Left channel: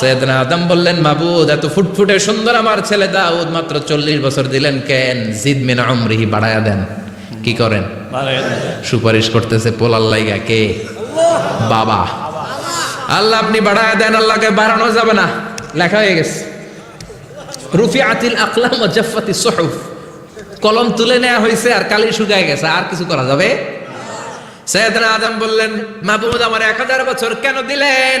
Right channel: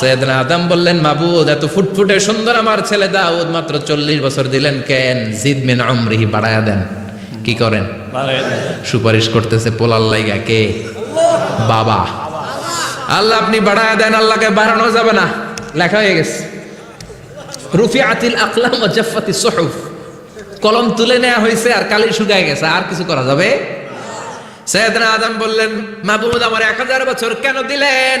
সৈয়দনা আদম বললেন মাবুদ এত ফুটফুটে সুন্দর আমার ছেলে দাউদ মাত্র চল্লিশ বছর দিলেন কেন? জিদ মিন আমরিহি বাড়ায়া দেন। কি করেন? সুপারিশ করতেছে পোলার লাইগা কে? বাবা। আল্লাহ আপনি বাড়ায়া দেন আল্লাহকে বাড়ানো যাবে না। লেখা হয়ে গেছে। রুফিআতিল আকলাম জাফফাতিস সুহুফ। কলম তুলে নেওয়া হয়েছে আর কালি শুকায় গেছে আর কিছু করা যাবে? সৈয়দনা আদম বললেন মাবুদ আমার এক হাজার বছর কেন দিলেন?